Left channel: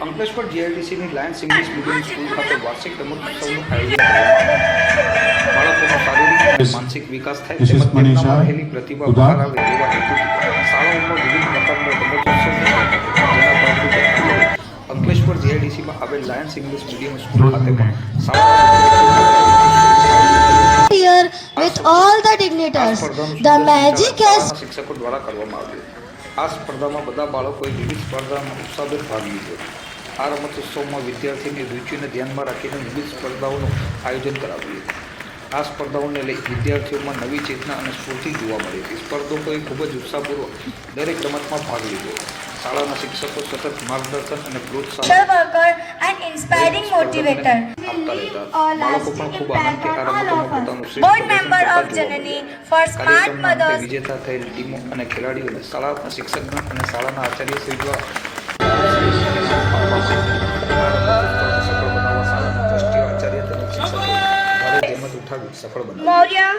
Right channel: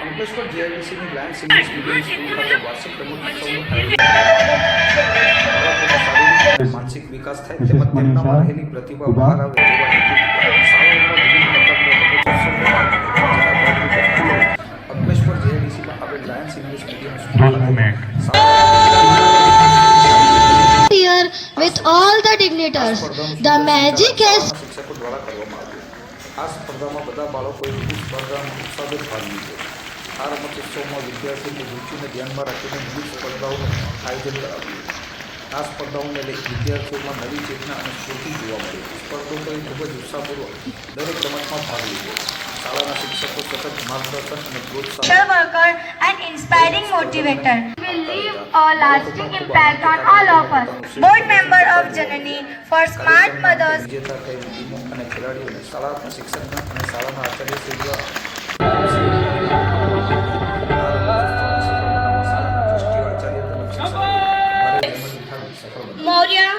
અંકલેશ્વર જીઆઈડીસીની Lions English medium school ખાતે વાર્ષિક રમતોત્સવનું આયોજન કરવામાં આવ્યું બાળકોનો શારીરિક અને માનસિક વિકાસ થાય Mrs. તેમજ તેમનામાં મનીષા રહેલી પ્રતિભા ઉધા. બહાર આવે તેવા હેતુથી શાળાઓમાં વિવિધ પ્રકારના રમતોત્સવ જેના ભાગરૂપે આજે અંકલેશ્વર જીઆઈડીસીમાં આવેલ લાયન્સ ઇંગ્લિશ મીડિયમ સ્કૂલ ખાતે પણ શાળા here with all the dignitaries. The magic has શાળાના શિક્ષકો દ્વારા કરવામાં આવ્યું આ સ્પર્ધામાં બધા બાળકોએ વિવિધ સ્પર્ધામાં ઉત્સાહભેર ભાગ લીધો આ રમતોત્સવમાં વિદ્યાર્થીની રુચિને ધ્યાનમાં રાખીને વિવિધ સ્પર્ધાઓનું આયોજન કરાવ્યું. આ સ્પર્ધાઓને લઈ વિદ્યાર્થીઓમાં નવી ચેતના અને સ્ફૂર્તિ જોવા મળી. હતી સ્પર્ધકોએ ખૂબ જ ઉત્સાહપૂર્વક દરેક રમતમાં ભાગ લીધો. શાળાના શિક્ષકો સતત માર્ગદર્શન અને પ્રોત્સાહન અંતે mothers. વિજેતા થયેલ ટીમો અને ખેલાડીઓને શાળાના શિક્ષકગણ અને શાળાના આચાર્ય શ્રી દ્વારા Moria.